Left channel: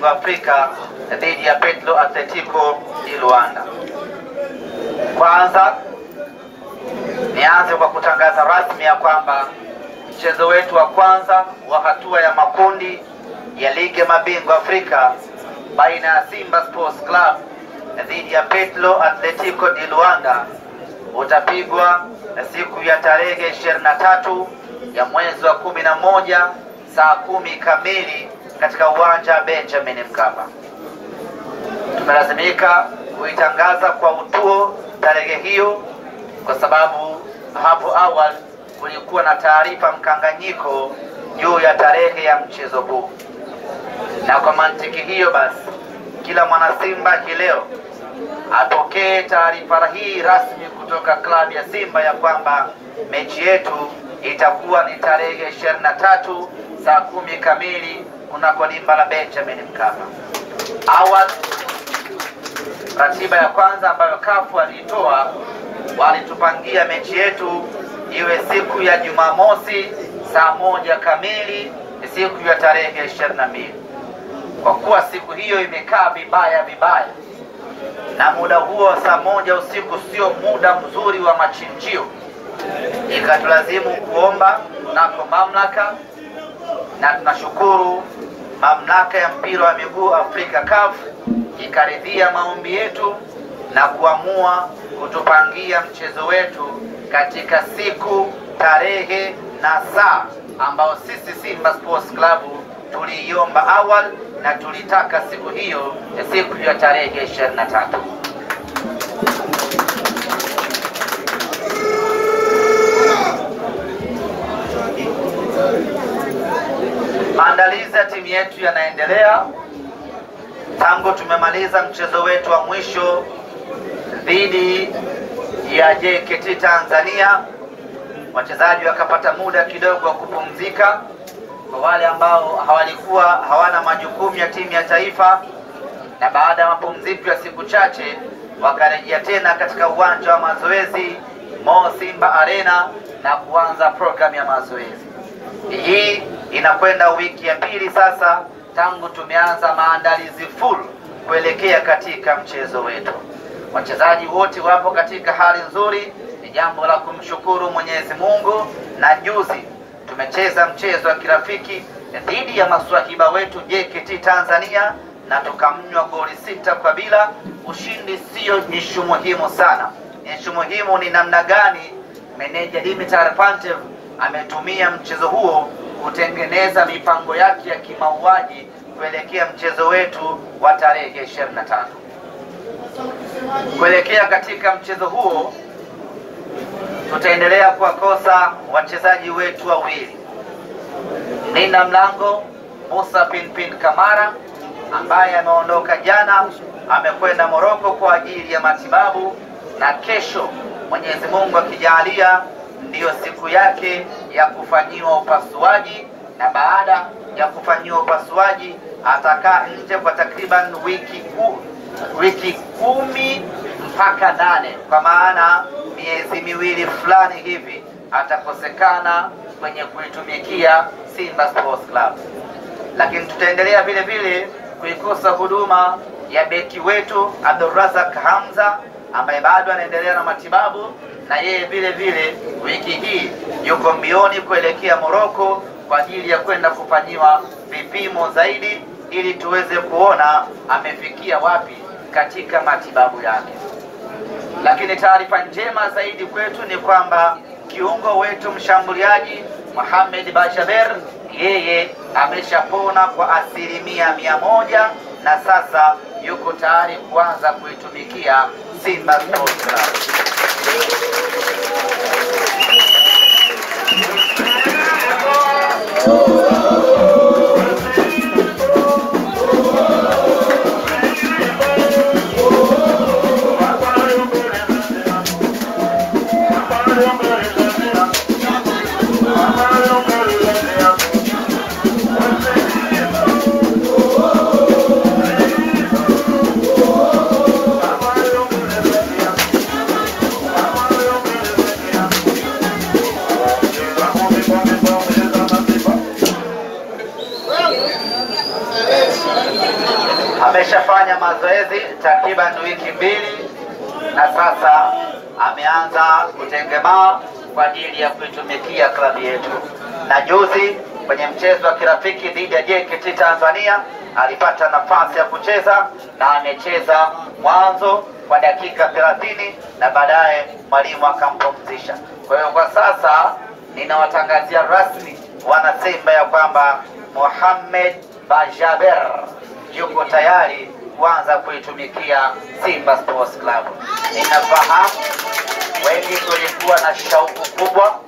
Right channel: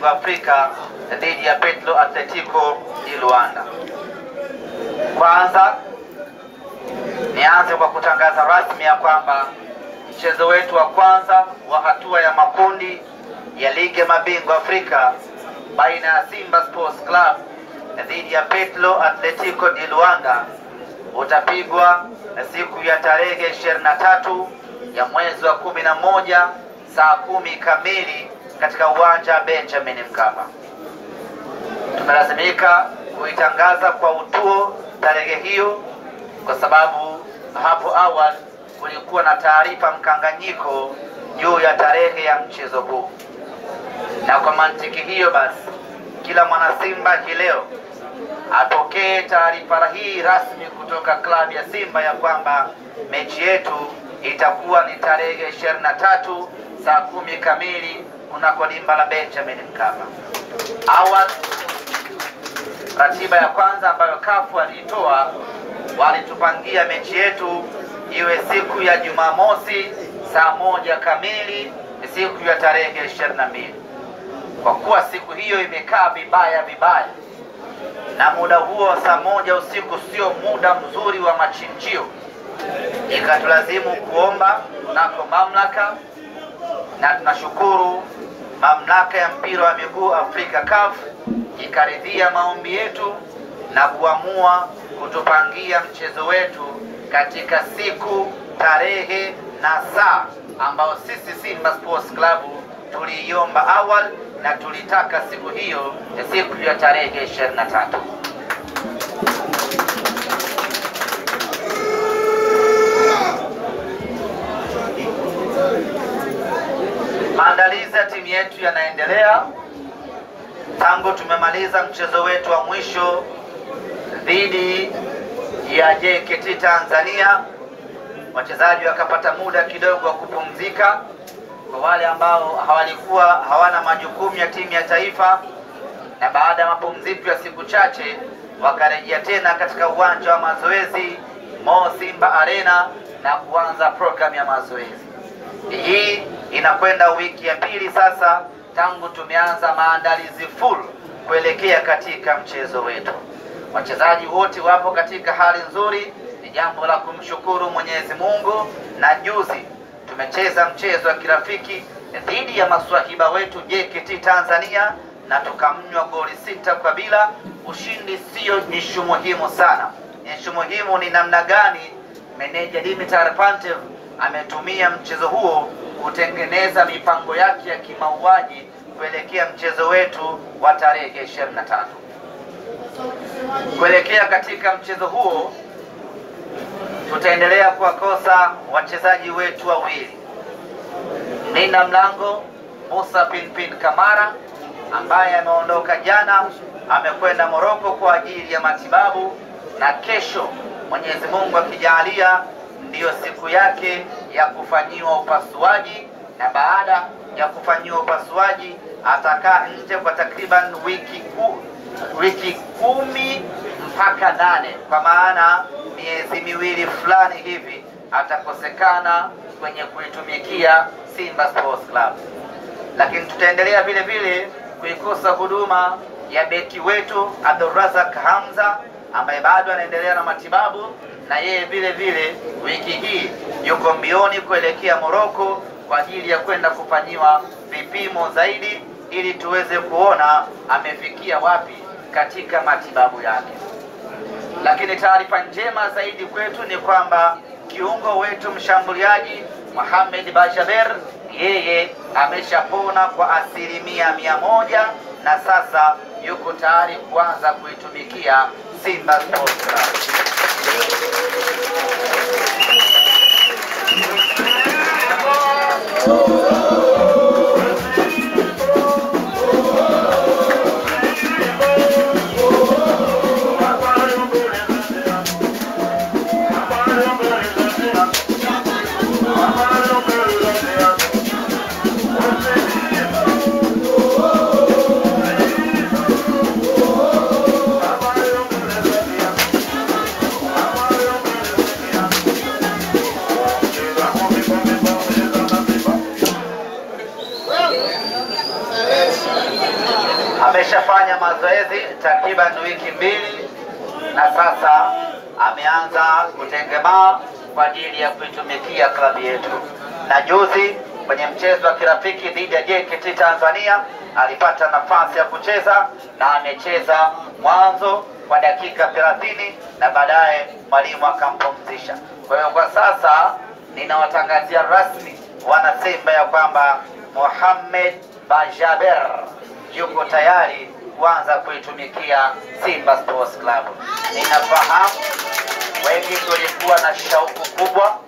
mabingwa Afrika dhidi ya Petro Atletico di Luanda. Kwanza nianze kwa kutangaza rasmi ya kwamba mchezo wetu wa kwanza wa hatua ya makundi ya ligi ya mabingwa Afrika baina ya Simba Sports Club dhidi ya Petro Atletico di Luanda utapigwa siku ya tarehe 23 ya mwezi wa 11 saa 10 kamili katika uwanja wa Benjamin Mkapa. Tumelazimika kuitangaza kwa utuo tarehe hiyo kwa sababu hapo awali kulikuwa na taarifa mkanganyiko juu ya tarehe ya mchezo huu. Na kwa mantiki hiyo basi, kila mwana Simba leo apokee taarifa hii rasmi kutoka klabu ya Simba ya kwamba mechi yetu itakuwa ni tarehe 23 saa 10 kamili kunako dimba la Benjamin Mkapa. Awali ratiba ya kwanza ambayo CAF alitoa, walitupangia mechi yetu iwe siku ya Jumamosi saa 1 kamili, siku ya tarehe 22. Kwa kuwa siku hiyo imekaa vibaya na muda huo saa 1 usiku sio muda mzuri wa machinjio, ikatulazimu kuomba nako mamlaka, na tunashukuru mamlaka ya mpira wa miguu Afrika CAF ikaridhia maombi yetu na kuamua kutupangia mchezo wetu katika siku, tarehe na saa ambao sisi Simba Sports Club tuliiomba awali na tulitaka siku hiyo ya siku ya tarehe 23. Maandalizi ya timu yetu yanaendelea. Tangu tumemaliza mchezo wetu wa mwisho dhidi ya JKT Tanzania, wachezaji wakapata muda kidogo wa kupumzika. Kwa wale ambao hawana majukumu ya timu ya taifa, na baada ya mapumziko ya siku chache wakarejea tena katika uwanja wa mazoezi Mo Simba Arena na kuanza program ya mazoezi. Hii inakwenda wiki ya pili sasa tangu tumeanza maandalizi full kuelekea katika mchezo wetu. Wachezaji wote wapo katika hali nzuri, ni jambo la kumshukuru Mwenyezi Mungu. Na juzi tumecheza mchezo wa kirafiki dhidi ya maswahiba wetu JKT Tanzania na tukamnywa goli 6 kwa bila. Ushindi sio ishu muhimu sana. Ishu muhimu ni namna gani meneja Dimitar Pantev ametumia mchezo huo kutengeneza mipango yake ya kimauaji kuelekea mchezo wetu wa tarehe 23. Kuelekea katika mchezo huo tutaendelea kuwakosa wachezaji wetu wawili. Nina mlango Musa Pinpin Kamara ambaye ameondoka jana, amekwenda Morocco kwa ajili ya matibabu, na kesho Mwenyezi Mungu akijalia ndiyo siku yake ya kufanyiwa upasuaji, na baada ya kufanyiwa upasuaji atakaa nje kwa takriban wiki 10 mpaka 8, kwa maana miezi miwili fulani hivi atakosekana kwenye kuitumikia Simba Sports Club. Lakini tutaendelea vile vile kuikosa huduma ya beki wetu Abdulrazak Hamza ambaye bado anaendelea na matibabu, na yeye vile vile wiki hii yuko mbioni kuelekea Morocco kwa ajili ya kwenda kufanyiwa vipimo zaidi ili tuweze kuona amefikia wapi katika matibabu yake. Lakini taarifa njema zaidi kwetu ni kwamba kiungo wetu mshambuliaji Mohamed Bajaber yeye ameshapona kwa 100% na sasa yuko tayari kuanza kuitumikia Simba Sports Club. ameshafanya mazoezi takriban wiki 2 na sasa ameanza kutengemaa kwa ajili ya kuitumikia klabu yetu. Na juzi kwenye mchezo wa kirafiki dhidi ya JKT Tanzania alipata nafasi ya kucheza na amecheza mwanzo kwa dakika 30 na baadaye mwalimu akampumzisha. Kwa hiyo kwa sasa ninawatangazia rasmi wana Simba ya kwamba Mohamed Bajaber yuko tayari kuanza kuitumikia Simba Sports Club. Ninafahamu wengi tulikuwa na shauku kubwa,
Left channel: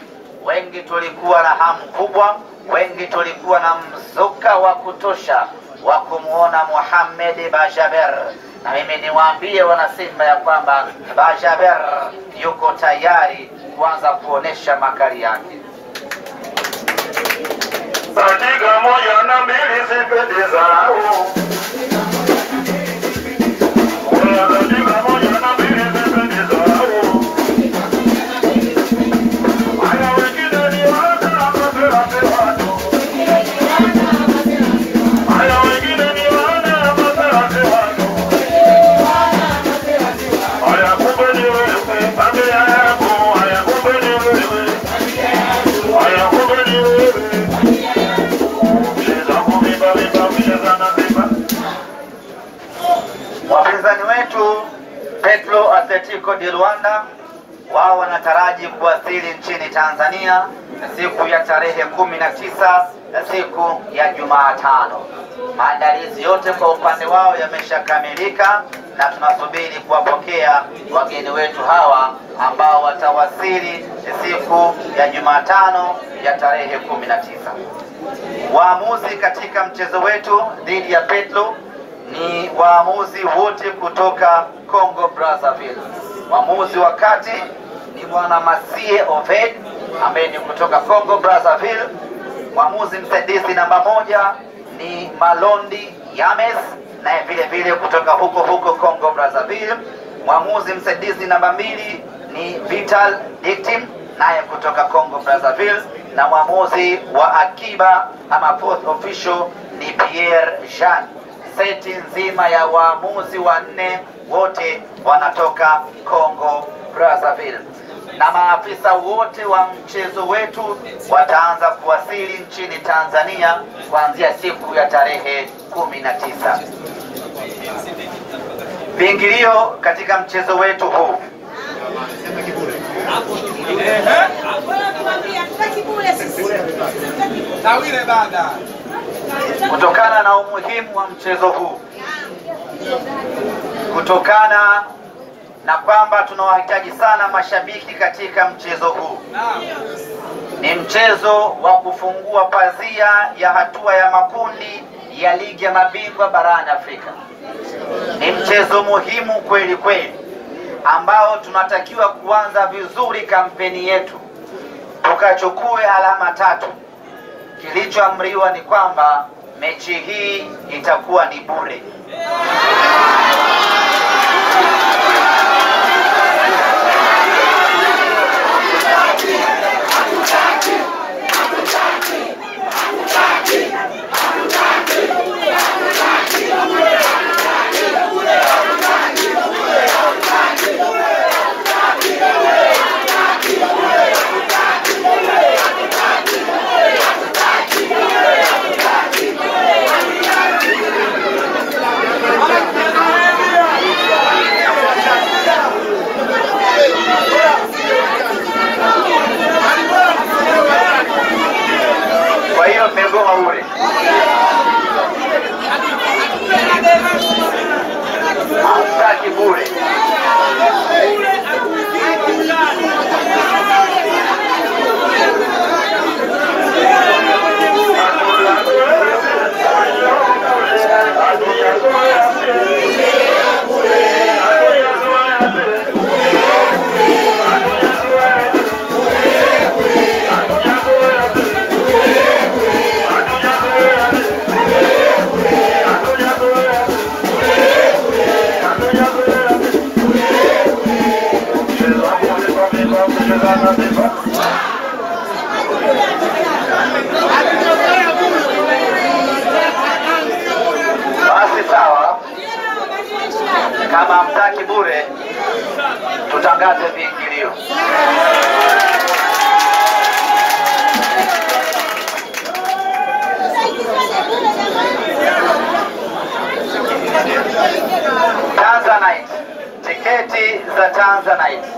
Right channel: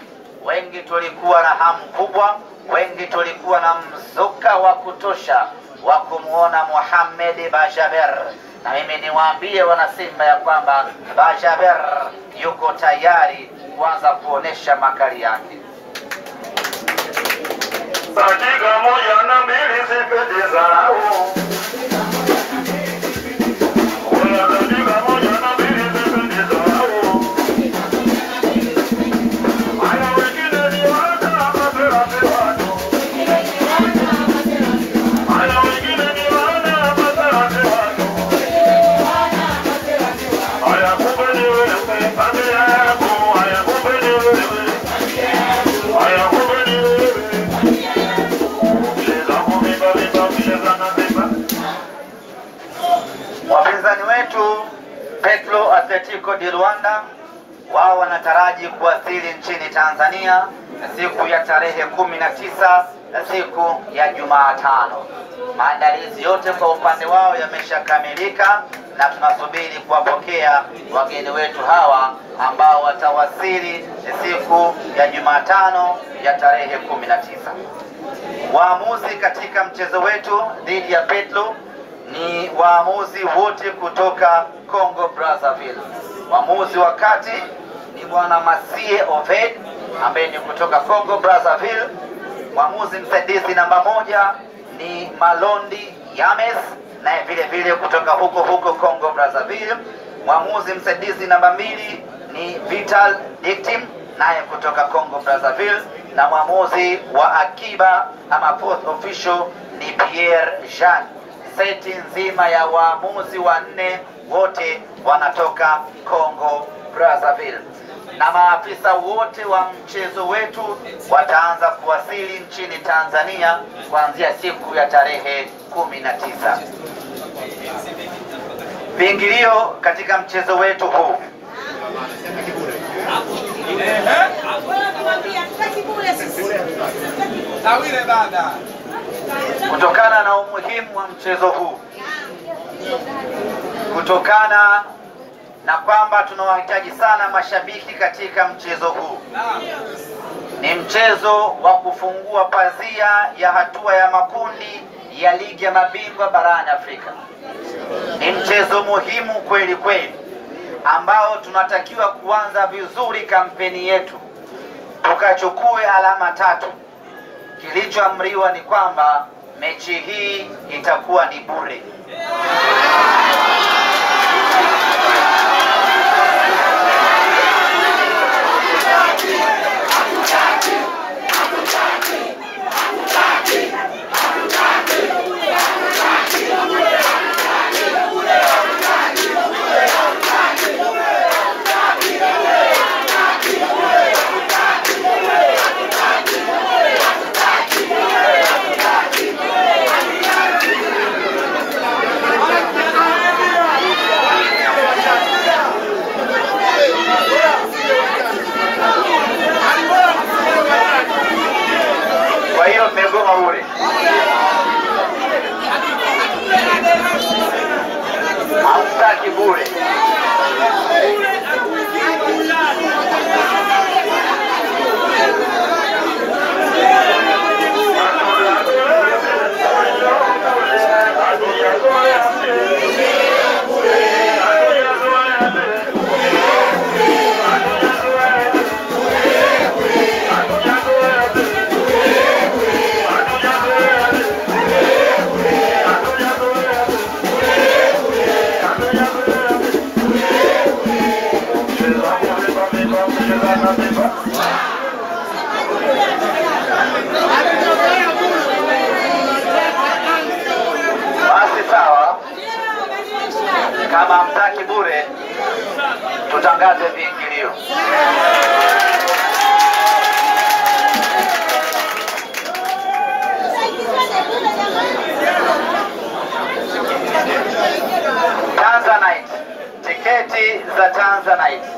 wengi tulikuwa na hamu kubwa, wengi tulikuwa na mzuka wa kutosha wa kumuona Mohamed Bajaber, na mimi niwaambie wana Simba ya kwamba Bajaber yuko tayari kuanza kuonesha makali yake. Dakika 1 na 2 zipendeza. Wapinzani wetu Petro Atletico de Luanda wao wanataraji kuwasili nchini Tanzania siku ya tarehe 19 na siku ya Jumatano. Maandalizi yote kwa upande wao yameshakamilika na tunasubiri kuwapokea wageni wetu hawa ambao watawasili siku ya Jumatano ya tarehe 19. Waamuzi katika mchezo wetu dhidi ya Petro ni waamuzi wote kutoka Congo Brazzaville. Waamuzi wa kati ni bwana Masie Oved ambaye ni kutoka Congo Brazzaville. Mwamuzi msaidizi namba 1 ni Malondi Yames naye vile vile kutoka huko Congo Brazzaville. Mwamuzi msaidizi namba 2 ni Vital Dictim naye kutoka Congo Brazzaville, na mwamuzi wa akiba ama fourth official ni Pierre Jean. Seti nzima ya waamuzi 4 wote wanatoka Congo Brazzaville, na maafisa wote wa mchezo wetu wataanza kuwasili nchini Tanzania kuanzia siku ya tarehe 19. Viingilio katika mchezo wetu huu kutokana na umuhimu wa mchezo huu, kutokana na kwamba tunawahitaji sana mashabiki katika mchezo huu, ni mchezo wa kufungua pazia ya hatua ya makundi ya ligi ya mabingwa barani Afrika. Ni mchezo muhimu kweli kweli ambao tunatakiwa kuanza vizuri kampeni yetu tukachukue alama 3. Kilichoamriwa ni kwamba mechi hii itakuwa ni bure. Kwa hiyo mmegoma bure. Hamtaki bure. Basi sawa. Kama hamtaki bure, tutangaze viingilio. Tanzanite, tiketi za Tanzanite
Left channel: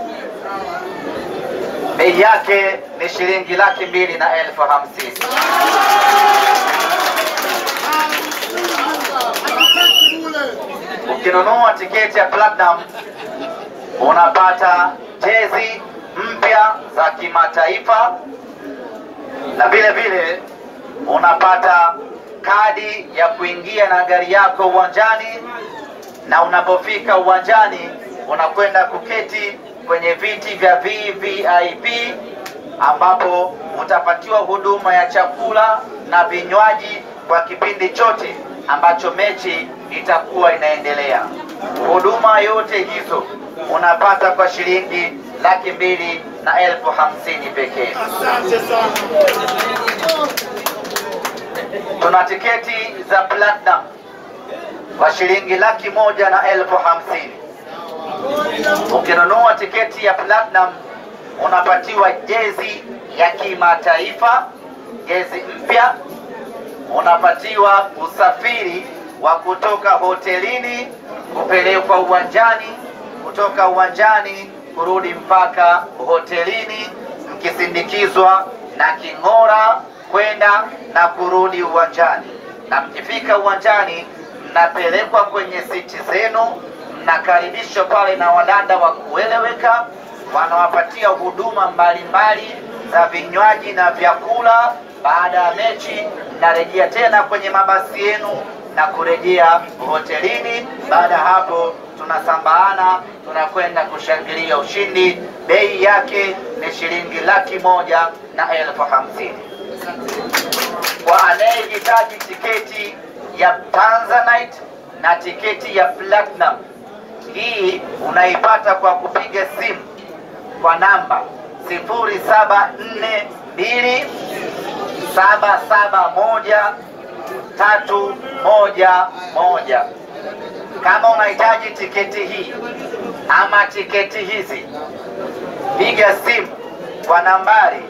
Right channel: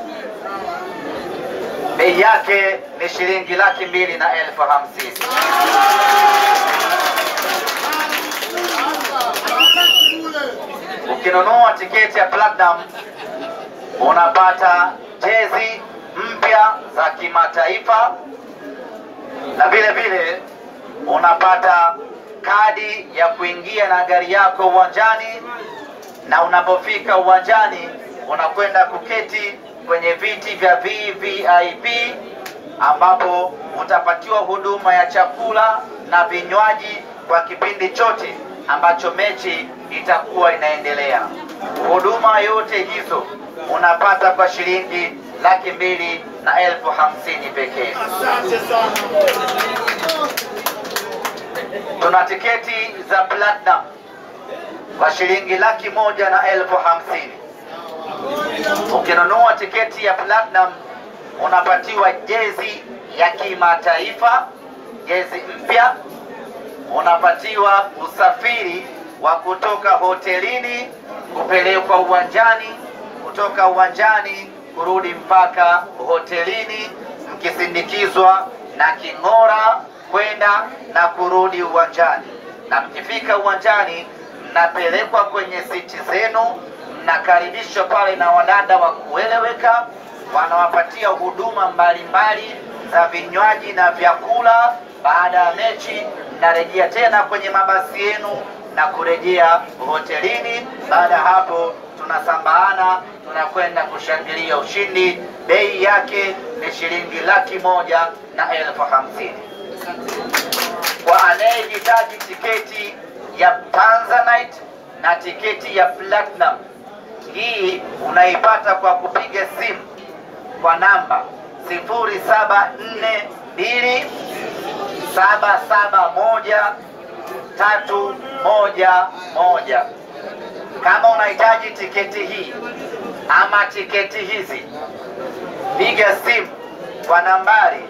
bei yake ni shilingi 2,250,000. Ukinunua tiketi ya Platinum unapata jezi mpya za kimataifa na vile vile unapata kadi ya kuingia na gari yako uwanjani, na unapofika uwanjani unakwenda kuketi kwenye viti vya VVIP ambapo utapatiwa huduma ya chakula na vinywaji kwa kipindi chote ambacho mechi itakuwa inaendelea. Huduma yote hizo unapata kwa shilingi 2,250,000 pekee. Tuna tiketi za Platinum kwa shilingi 1,150,000. Ukinunua tiketi ya Platinum unapatiwa jezi ya kimataifa, jezi mpya, unapatiwa usafiri wa kutoka hotelini kupelekwa uwanjani, kutoka uwanjani kurudi mpaka hotelini, mkisindikizwa na king'ora kwenda na kurudi uwanjani. Na mkifika uwanjani mnapelekwa kwenye siti zenu, mnakaribishwa pale na wadada wa kueleweka, wanawapatia huduma mbalimbali za vinywaji na vyakula. Baada ya mechi mnarejea tena kwenye mabasi yenu na kurejea hotelini. Baada hapo tunasambaana, tunakwenda kushangilia ushindi. Bei yake ni shilingi 1,150,000. Kwa anayehitaji tiketi ya Tanzanite na tiketi ya Platinum, hii unaipata kwa kupiga simu kwa namba 0742771311. Kama unahitaji tiketi hii ama tiketi hizi, piga simu kwa nambari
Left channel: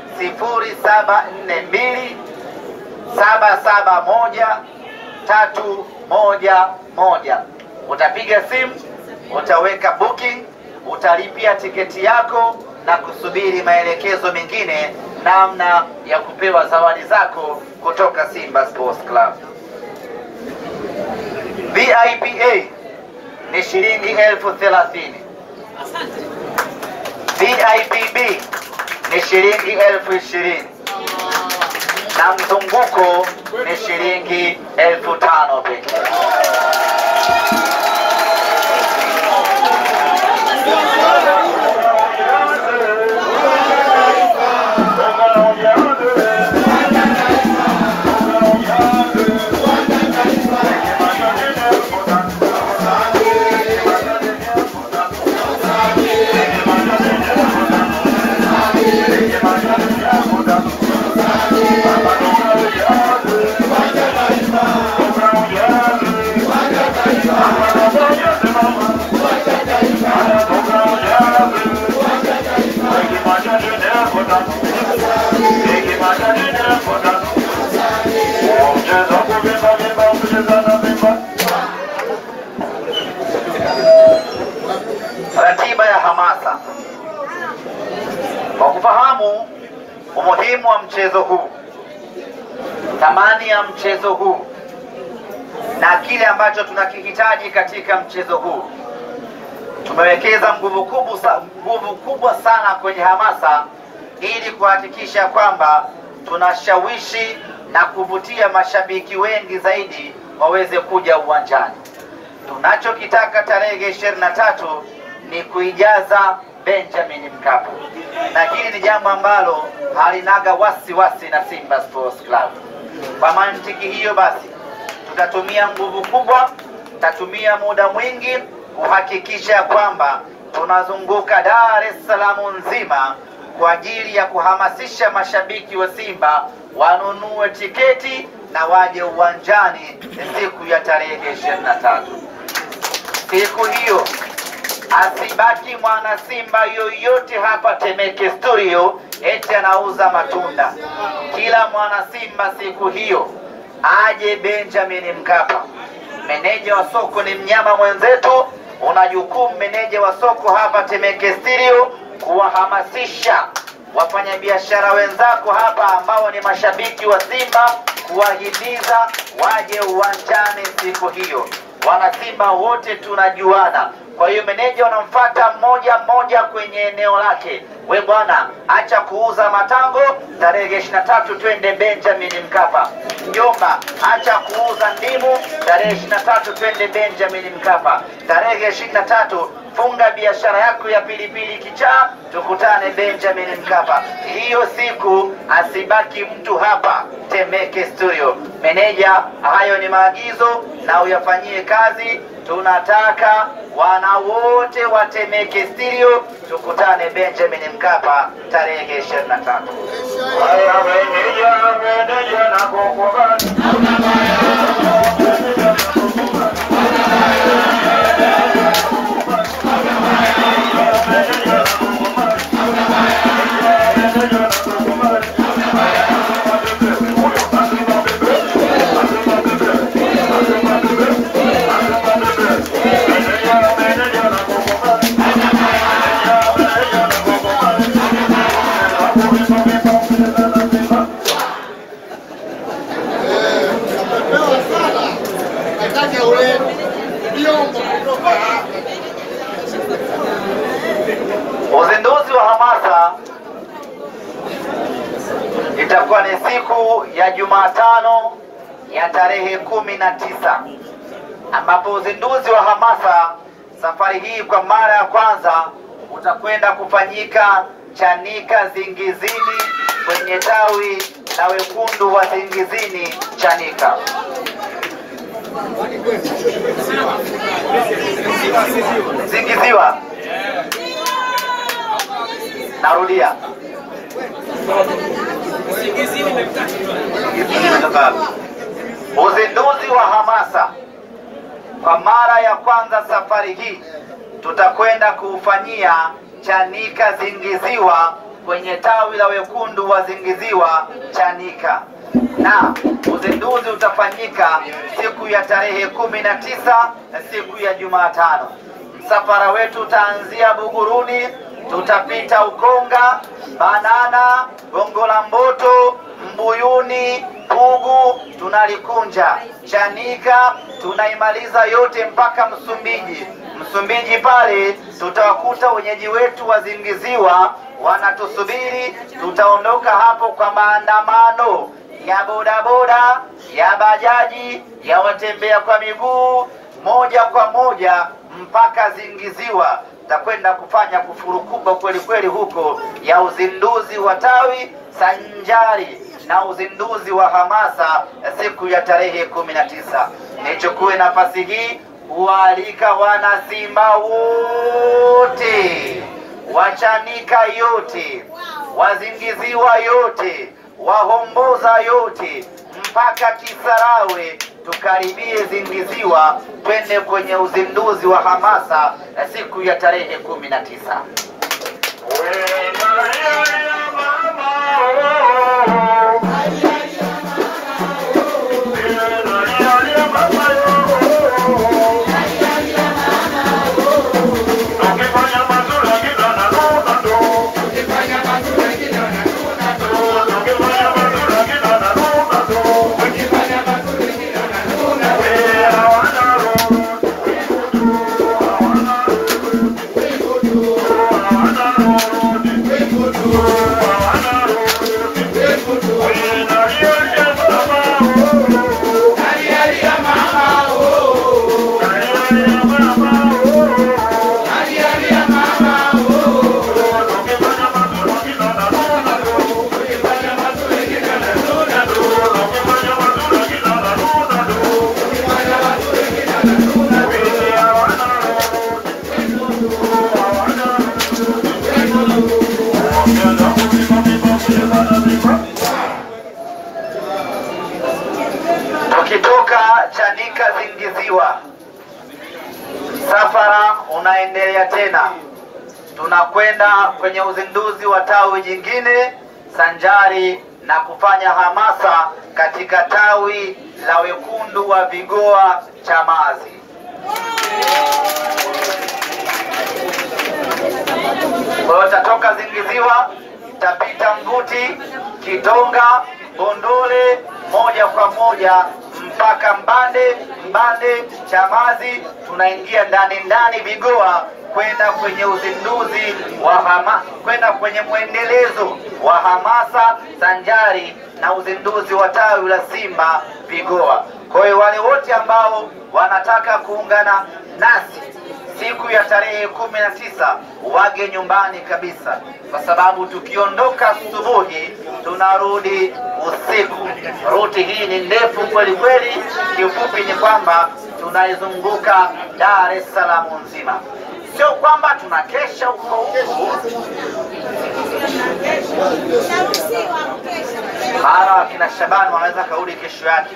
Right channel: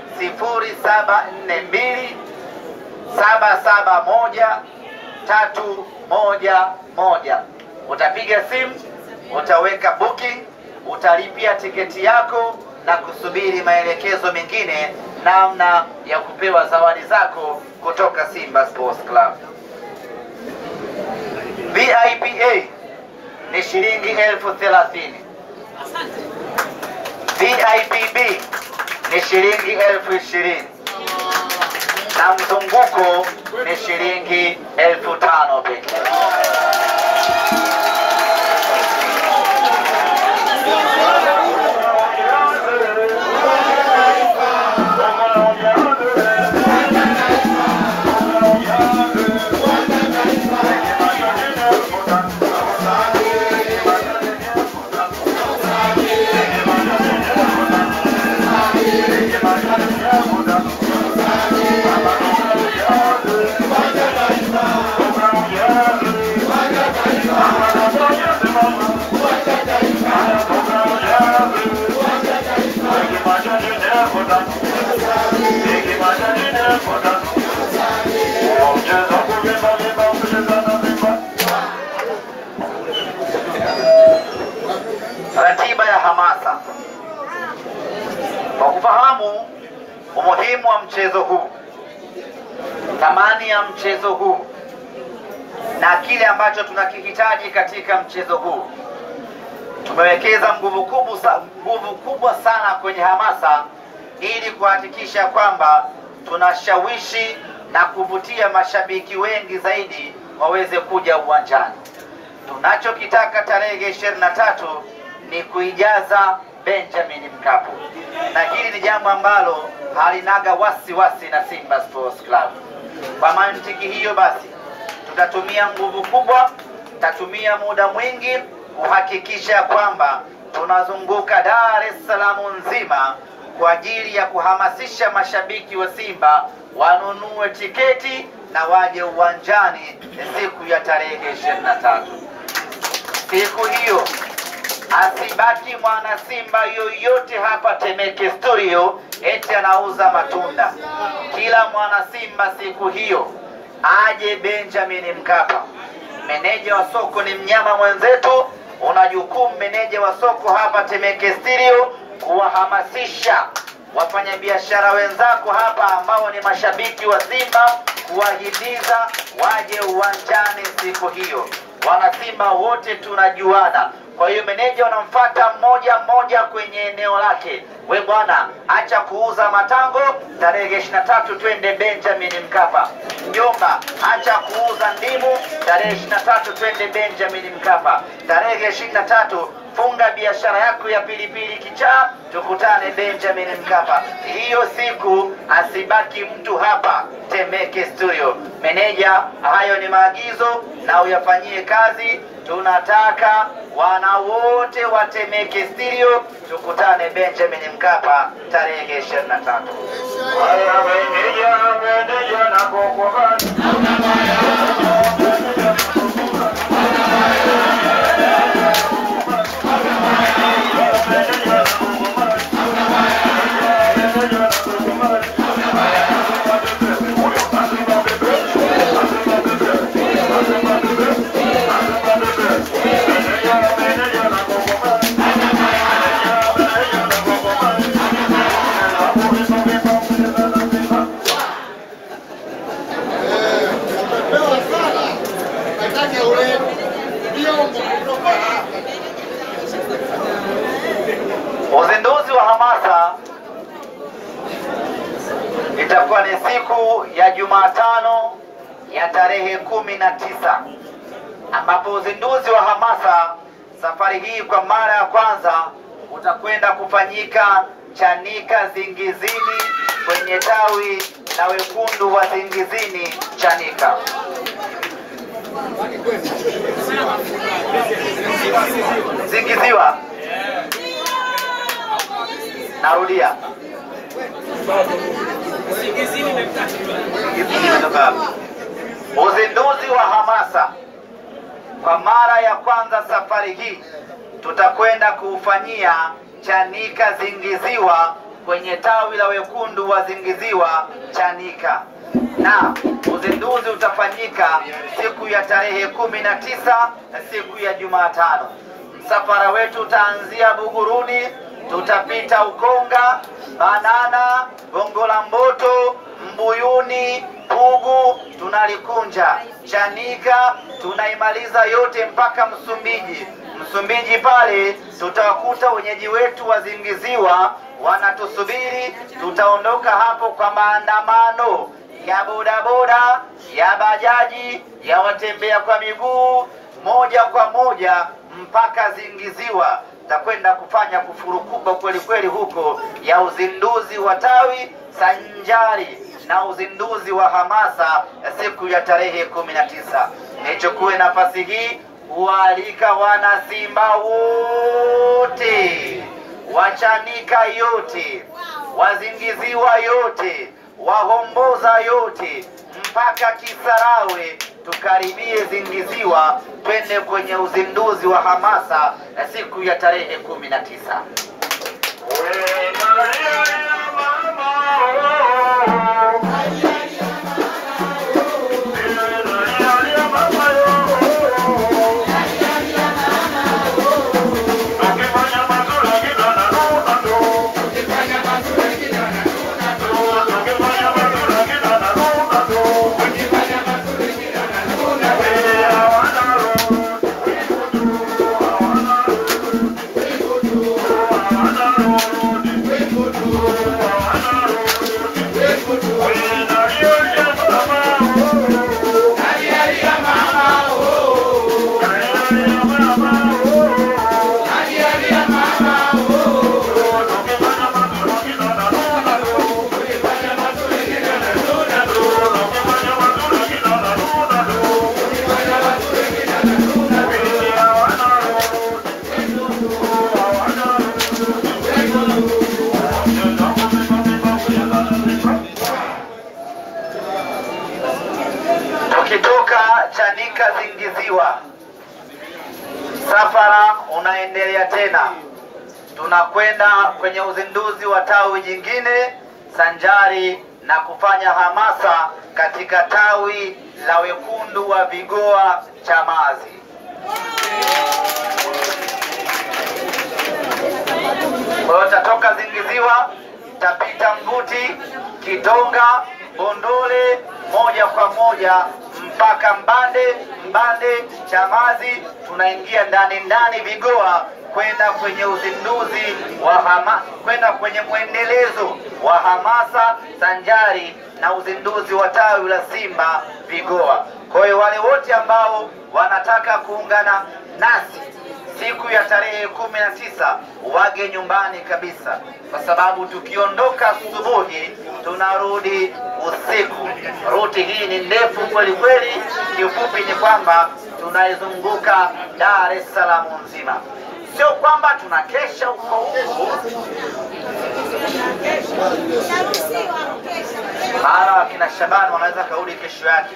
0742771311. Utapiga simu, utaweka booking, utalipia tiketi yako na kusubiri maelekezo mengine namna ya kupewa zawadi zako kutoka Simba Sports Club. VIPA ni shilingi 30,000. VIPB ni shilingi 20,000 na mzunguko ni shilingi 5,000 pekee. Ratiba ya hamasa. Kwa kufahamu umuhimu wa mchezo huu, thamani ya mchezo huu na kile ambacho tunakihitaji katika mchezo huu, tumewekeza nguvu kubwa sana kwenye hamasa ili kuhakikisha kwamba tunashawishi na kuvutia mashabiki wengi zaidi waweze kuja uwanjani. Tunachokitaka tarehe 23 ni kuijaza Benjamin Mkapa, na hili ni jambo ambalo halinaga wasiwasi na Simba Sports Club. Kwa mantiki hiyo basi, tutatumia nguvu kubwa, tutatumia muda mwingi kuhakikisha kwamba tunazunguka Dar es Salaam nzima kwa ajili ya kuhamasisha mashabiki wa Simba wanunue tiketi na waje uwanjani siku ya tarehe 23. siku hiyo asibaki mwana Simba yoyote hapa Temeke Studio eti anauza matunda. Kila mwana Simba siku hiyo aje Benjamin Mkapa. Meneja wa soko ni mnyama mwenzetu, una jukumu meneja wa soko hapa Temeke Studio kuwahamasisha wafanyabiashara wenzako hapa ambao ni mashabiki wa Simba, kuwahimiza waje uwanjani siku hiyo. Wana Simba wote tunajuana. Kwa hiyo meneja unamfuata mmoja mmoja kwenye eneo lake. We bwana, acha kuuza matango, tarehe 23 twende Benjamin Mkapa. Mjomba, acha kuuza ndimu, tarehe 23 twende Benjamin Mkapa. Tarehe 23 funga biashara yako ya pilipili kichaa, tukutane Benjamin Mkapa. Hiyo siku asibaki mtu hapa Temeke Studio. Meneja, hayo ni maagizo na uyafanyie kazi. Tunataka wana wote wa Temeke Studio tukutane Benjamin Mkapa tarehe 23. Uzinduzi wa hamasa itakuwa ni siku ya Jumatano ya tarehe 19, ambapo uzinduzi wa hamasa safari hii kwa mara ya kwanza utakwenda kufanyika Chanika Zingizini, kwenye tawi la wekundu wa Zingizini Chanika. Zingiziwa. Narudia. Uzinduzi wa hamasa kwa mara ya kwanza safari hii tutakwenda kuufanyia Chanika Zingiziwa, kwenye tawi la wekundu wa Zingiziwa Chanika, na uzinduzi utafanyika siku ya tarehe 19 na siku ya Jumatano. Msafara wetu utaanzia Buguruni, tutapita Ukonga, Banana, Gongo la Mboto, Mbuyuni, Pugu, tunalikunja Chanika, tunaimaliza yote mpaka Msumbiji. Msumbiji pale tutawakuta wenyeji wetu wa Zingiziwa wanatusubiri. Tutaondoka hapo kwa maandamano ya bodaboda, ya bajaji, ya watembea kwa miguu, moja kwa moja mpaka Zingiziwa. Takwenda kufanya kufuru kubwa kweli kweli huko ya uzinduzi wa tawi sanjari na uzinduzi wa hamasa siku ya tarehe 19. Nichukue nafasi hii kualika wana Simba wote, Wachanika yote, Wazingiziwa yote, Wahomboza yote, mpaka Kisarawe, tukaribie Zingiziwa, twende kwenye uzinduzi wa hamasa siku ya tarehe 19. Msafara unaendelea tena, tunakwenda kwenye uzinduzi wa tawi jingine sanjari na kufanya hamasa katika tawi la wekundu wa Vigoa Chamazi. Kwa hiyo tatoka Zingiziwa, tapita Mbuti, Kitonga, Bondole, moja kwa moja mpaka Mbande, Chamazi, tunaingia ndani Vigoa kwenda kwenye uzinduzi wa kwenda kwenye mwendelezo wa hamasa sanjari na uzinduzi wa tawi la Simba Vigoa. Kwa hiyo wale wote ambao wanataka kuungana nasi siku ya tarehe 19 wage nyumbani kabisa, kwa sababu tukiondoka asubuhi tunarudi usiku. Ruti hii ni ndefu kweli kweli. Kiufupi ni kwamba tunaizunguka Dar es Salaam nzima, sio kwamba tunakesha huko. Maana wakina Shabani wanaweza kaudi kesho yake.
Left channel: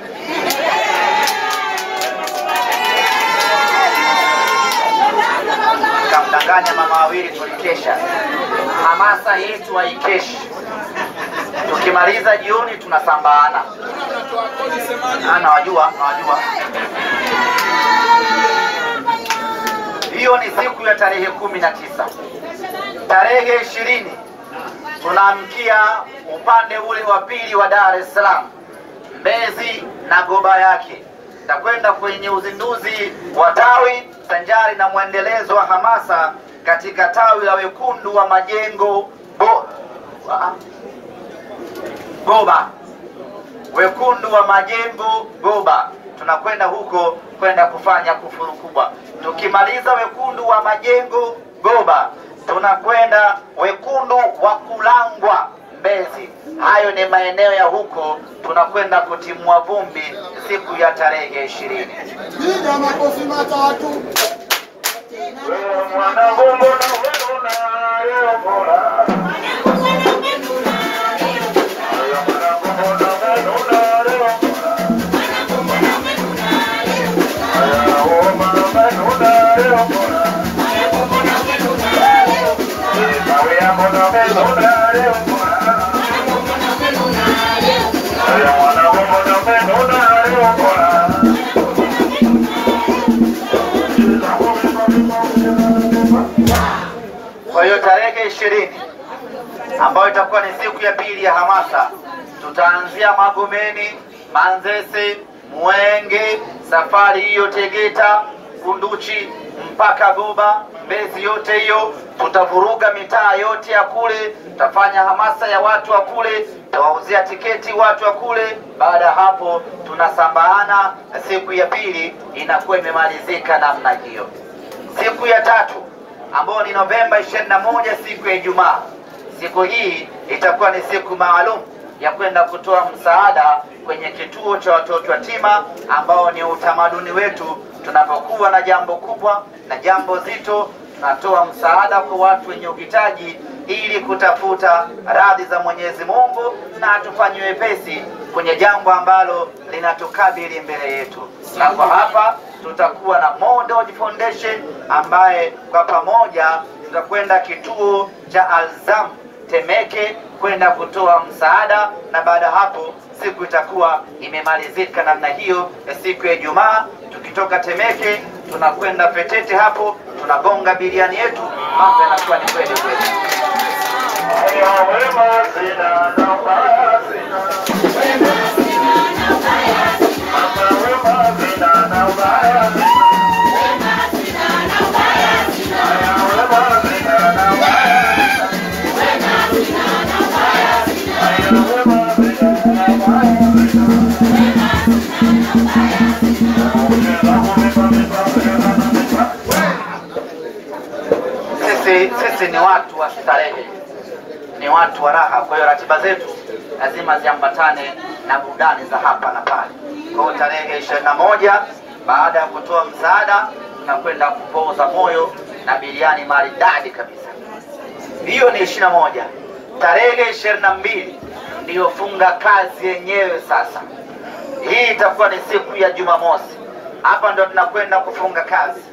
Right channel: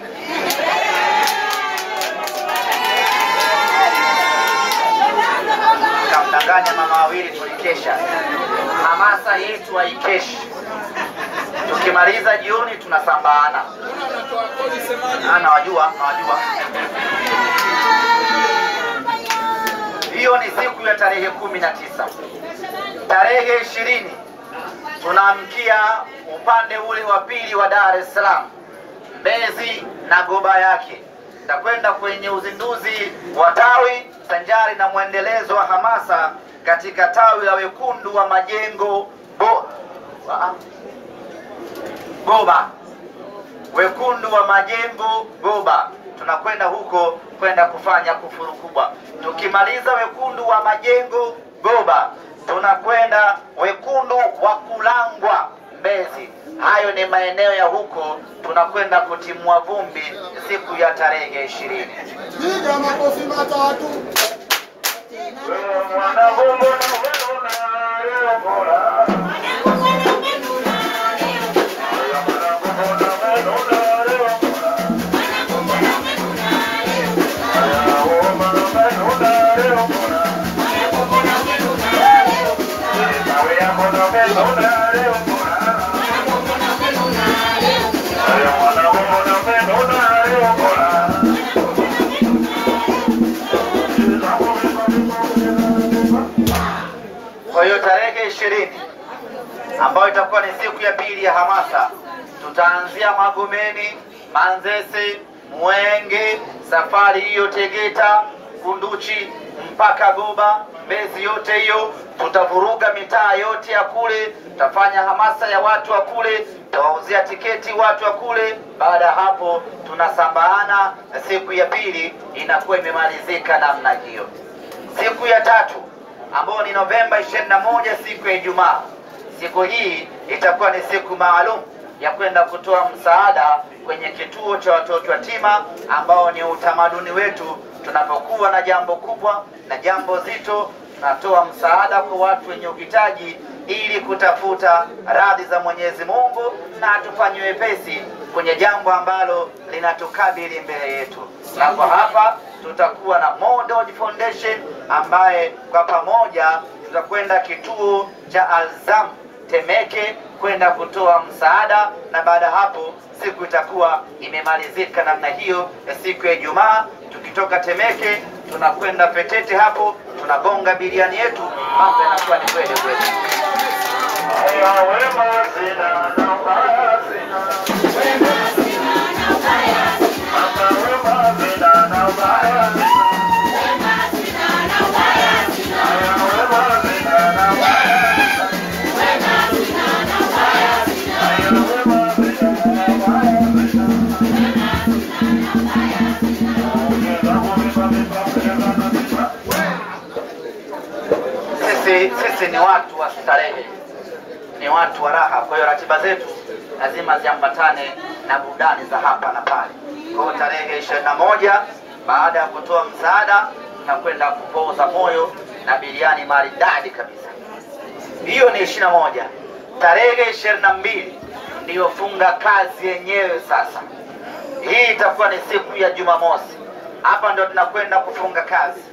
Kamdanganya mama wawili tulikesha. Hamasa yetu haikeshi. Tukimaliza jioni tunasambaana. Nawajua. Hiyo ni siku ya tarehe 19. Tarehe 20 tunaamkia upande ule wa pili wa Dar es Salaam, Mbezi na Goba yake. Takwenda kwenye uzinduzi wa tawi sanjari na mwendelezo wa hamasa katika tawi la wekundu wa Majengo Goba. Wekundu wa Majengo Goba. Tunakwenda huko kwenda kufanya kufuru kubwa. Tukimaliza wekundu wa Majengo Goba, tunakwenda wekundu wa Kulangwa Mbezi. Hayo ni maeneo ya huko, tunakwenda kutimua vumbi siku ya tarehe 20. Kwa hiyo tarehe 20 ambayo itakuwa ni siku ya pili ya hamasa, tutaanzia Magomeni, Manzese, Mwenge, safari hiyo Tegeta, Kunduchi mpaka Goba, Mbezi yote hiyo. Tutavuruga mitaa yote ya kule, tutafanya hamasa ya watu wa kule, tutawauzia tiketi watu wa kule. Baada ya hapo tunasambaana, siku ya pili inakuwa imemalizika namna hiyo. Siku ya tatu ambayo ni Novemba 21, siku ya Ijumaa. Siku hii itakuwa ni siku maalum ya kwenda kutoa msaada kwenye kituo cha watoto yatima, ambao ni utamaduni wetu. Tunapokuwa na jambo kubwa na jambo zito, tunatoa msaada kwa watu wenye uhitaji ili kutafuta radhi za Mwenyezi Mungu na atufanye wepesi kwenye jambo ambalo linatukabili mbele yetu. Na kwa hapa tutakuwa na Model Foundation ambaye kwa pamoja tutakwenda kituo cha Alzam Temeke kwenda kutoa msaada, na baada hapo siku itakuwa imemalizika namna hiyo ya siku ya Ijumaa. Tukitoka Temeke tunakwenda Petete, hapo tunagonga biriani yetu, mambo yanakuwa ni kweli kweli. Sisi ni watu wa starehe, ni watu wa raha. Kwa hiyo ratiba zetu lazima ziambatane na burudani za hapa na pale. Kwa hiyo tarehe 21 baada ya kutoa msaada tunakwenda kupoza moyo na biriani maridadi kabisa. Hiyo ni 21. Tarehe 22 ndiyo funga kazi yenyewe. Sasa hii itakuwa ni siku ya Jumamosi. Hapa ndio tunakwenda kufunga kazi.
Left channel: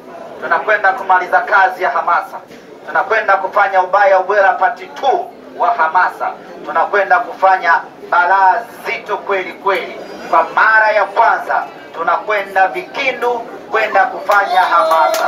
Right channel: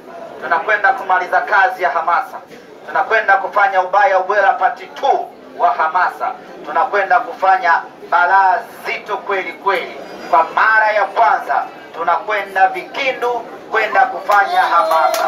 tunakwenda kumaliza kazi ya hamasa, tunakwenda kufanya ubaya ubwela part 2 wa hamasa, tunakwenda kufanya balaa zito kweli kweli. Kwa mara ya kwanza tunakwenda Vikindu kwenda kufanya hamasa.